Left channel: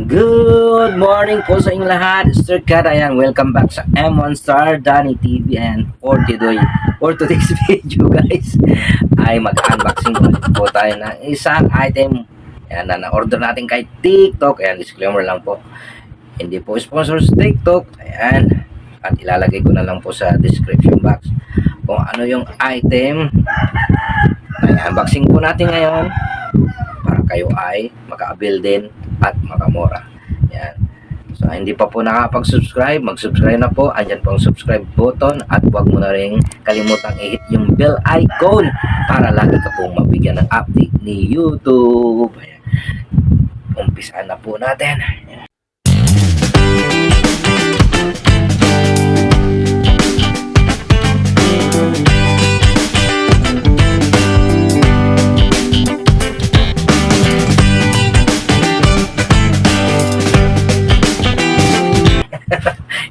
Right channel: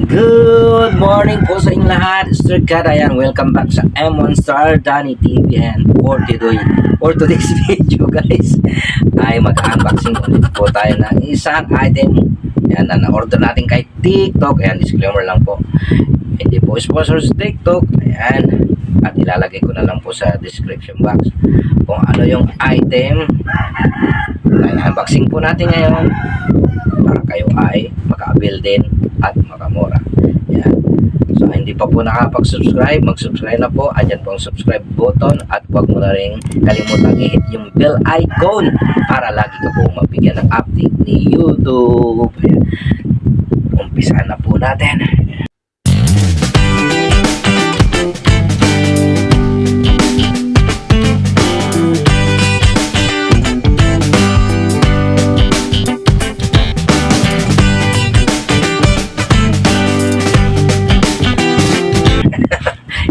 Good morning po sa inyong lahat. Sir Kat, ayan, welcome back sa M1 Star Danny TV. And for today's video guys, ay mag-unboxing ulit po tayo ng isang item. Ayan, na na-order natin kay TikTok. Ayan, disclaimer lang po, hindi po sponsor sa TikTok. Ayan, at ilalagay ko na lang po sa description box kung ano yung item na unboxing po natin ngayon, para kayo ay maka-avail din at makamura. Yan. So, hindi pa po nakapag-subscribe, mag-subscribe na po. Andyan po ang subscribe button at huwag mo na rin kalimutang i-hit yung bell icon para lagi ka pong mabigyan ng update ni YouTube. Ayan. Umpisahan na po natin.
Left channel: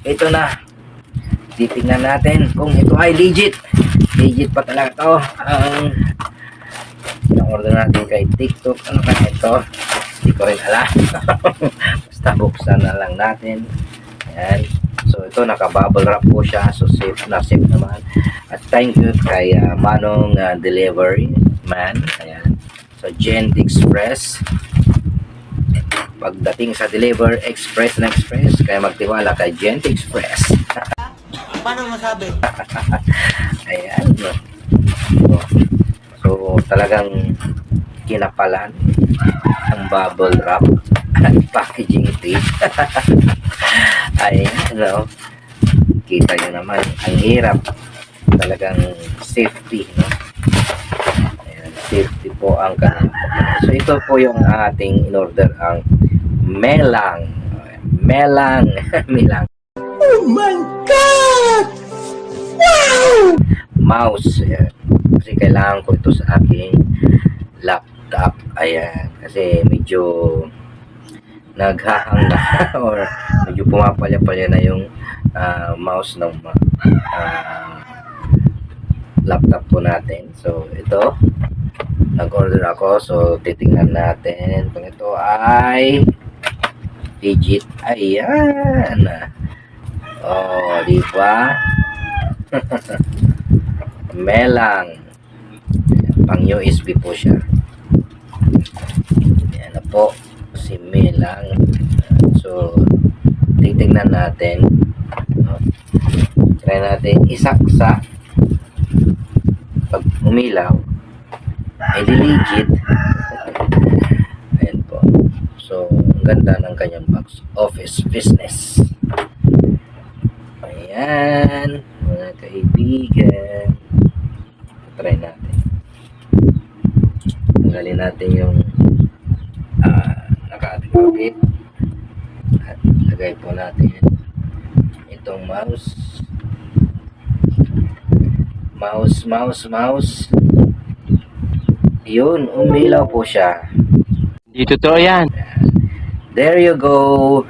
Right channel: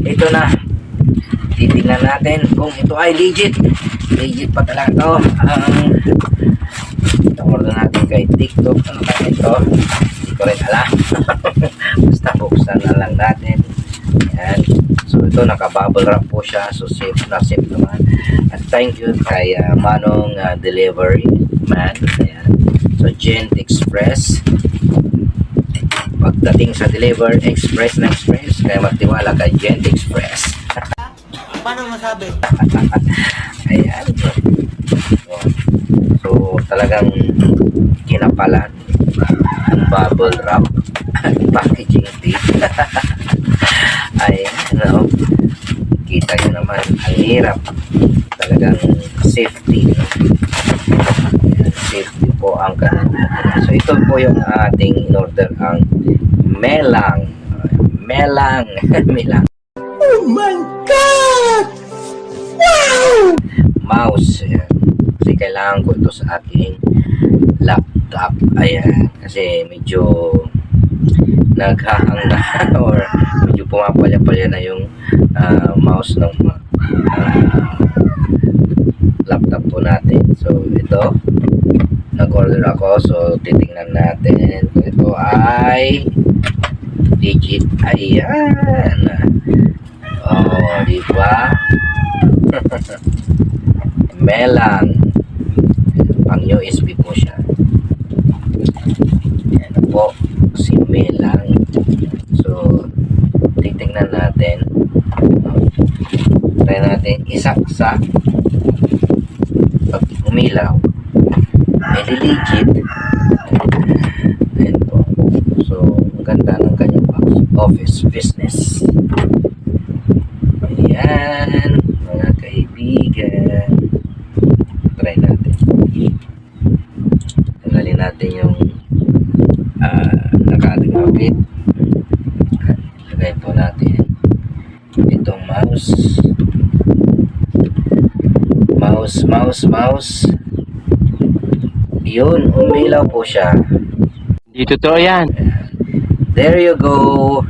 Ito na, titignan natin kung ito ay legit pa talaga to. Ang order natin kay TikTok, ano kaya ito, hindi ko rin alam. Basta buksan na lang natin. Ayan. So ito, naka bubble wrap po siya, so safe naman. At thank you kay Manong delivery man. Ayan. So Gent Express, pagdating sa deliver, express na express, kaya magtiwala kay Gent Express. Paano masabi? Ayan. So talagang kinapalan ang bubble wrap at packaging tape. Ayan, no? Kita nyo naman, ang hirap. Talagang safety, no? Ayan, safety po ang kanang. So ito po yung ating in-order, ang melang. Melang. Oh my God! Wow! Mouse. Ayan. Kasi kailangan ko ito sa aking laptop. Ayan. Kasi medyo naghahang na or medyo pumapalya-palya na yung mouse ng laptop po natin. So ito, nag-order ako, so titingnan natin kung ito ay legit. Ayan. Oh, di ba? Melang. Pang USB po siya. Ayan na po, si Melang. So titingnan natin. Try natin isaksak. Pag umilaw, legit. Ayan po. So, ang ganda ng kanyang box. Office business. Ayan, mga kaibigan. Try natin. Tanggalin natin yung nakadikabit. At lagay po natin itong mouse. Mouse. Yun, umilaw po siya. Di totoo yan. There you go.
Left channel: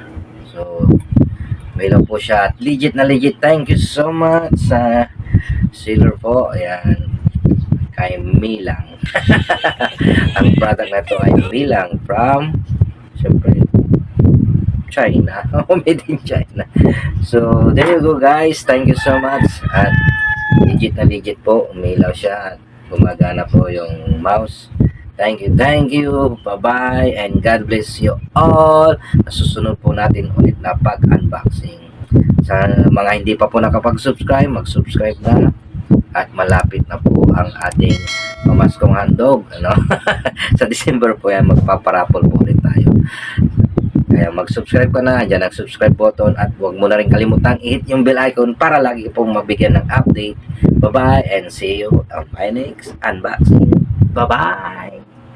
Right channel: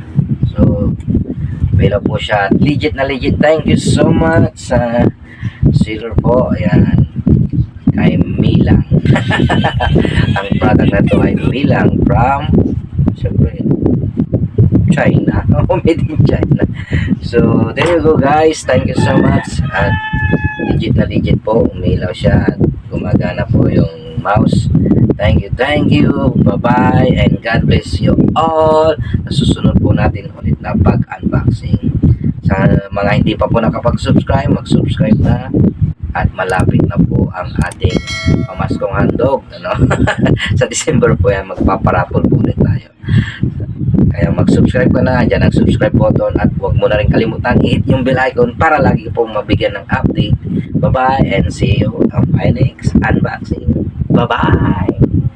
So, umilaw po siya. Legit na legit. Thank you so much sa seller po. Ayan. Kay Milang. Ang product na to ay Milang from, siyempre, China. Made in China. So, there you go guys. Thank you so much. At legit na legit po, umilaw siya at gumagana po yung mouse. Thank you, bye-bye, and God bless you all. Susunod po natin ulit na pag-unboxing. Sa mga hindi pa po nakapag-subscribe, mag-subscribe na. At malapit na po ang ating pamaskong handog, ano? Sa December po yan, magpaparapol po ulit tayo. Kaya mag-subscribe ka na, dyan ang subscribe button, at huwag mo na rin kalimutan i-hit yung bell icon para lagi pong mabigyan ng update. Bye-bye and see you on my next unboxing. Bye-bye!